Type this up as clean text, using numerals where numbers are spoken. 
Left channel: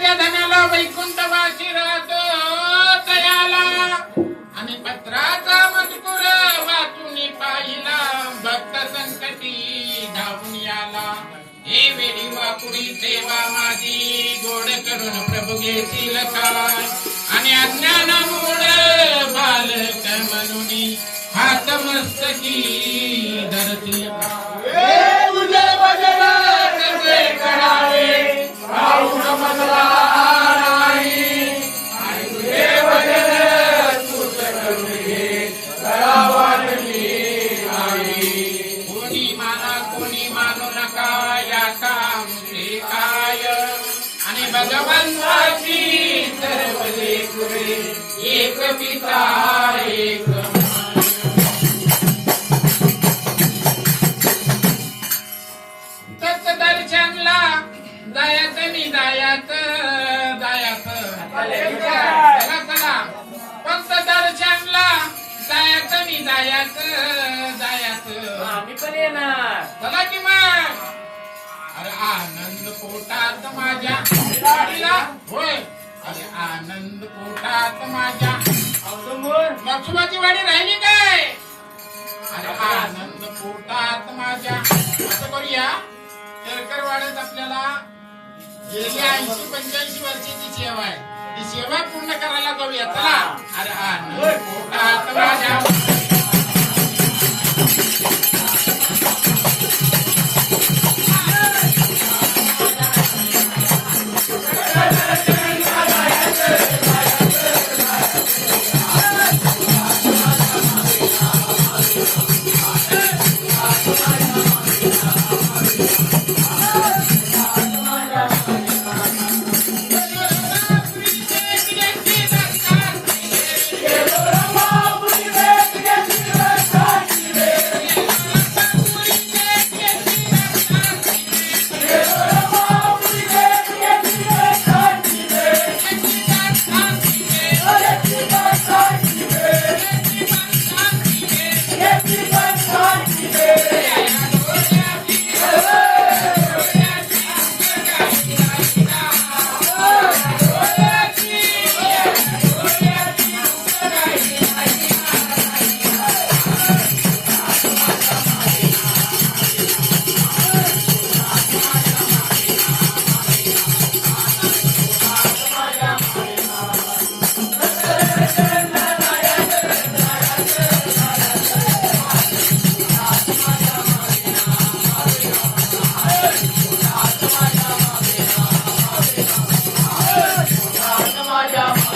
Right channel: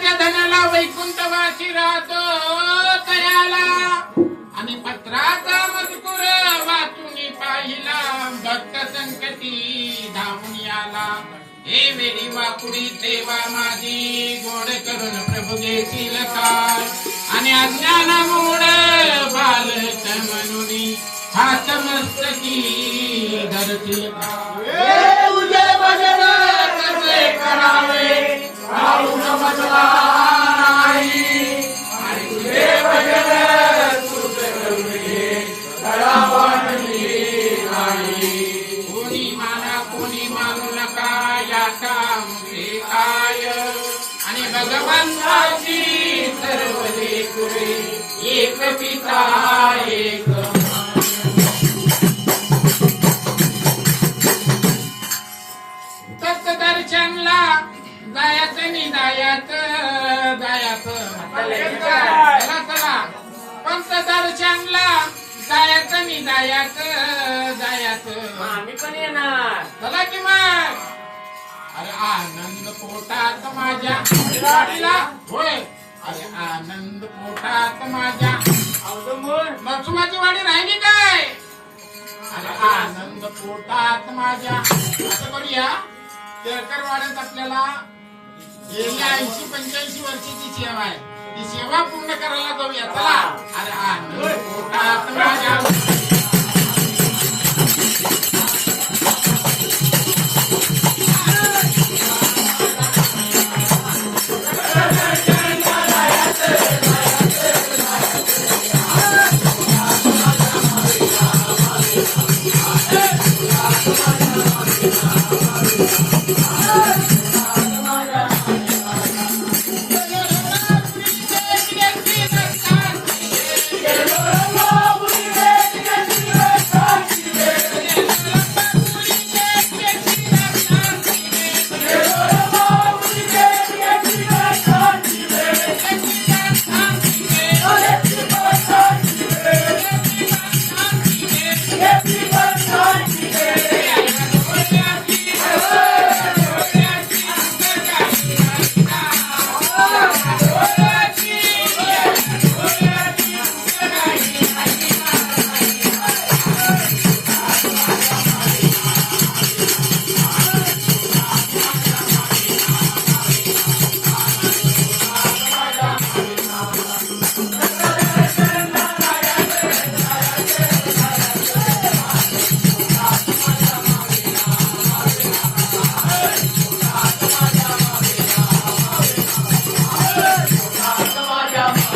त्या धनाला वैकुंठवासी राहतो तयाला आणि पत्राचा मजकूर वाचून पाहिला भक्त संकटी धावून आला हे वेळी वाकुडी सेवा माझी गोड करून प्रभू घेतील काय आणि अज्ञानामुळे बालक म्हणून हात मस्तकी धरतील तुझे भजन कसे करावे राहून समजला नाही आणि तुझे भजन तूच करुणे दया वाटली नाही कोणी माना कोणी मानू नका याचा मुळे काय आणि भगवंताची सर्व लेकरे एक पिता एक दर्शनला जायचं मी जायचं चला पंत दर्शनला जायचं मी जायचं आम्ही पण येणार चला की मग अरे आनंद पोटात माझ्या गाडीला होय अरे आनंद पोटात माझ्या नरसुबाची वाडी राहिली काय अरे आनंद पोटात माझ्या असं करूया केळकर वाड्यात आपल्याला गेली 80-85 वर्षाची सेवा आहे ती सेवा पूर्ण करायला जाऊया चला अरे आनंद पोटात माझ्या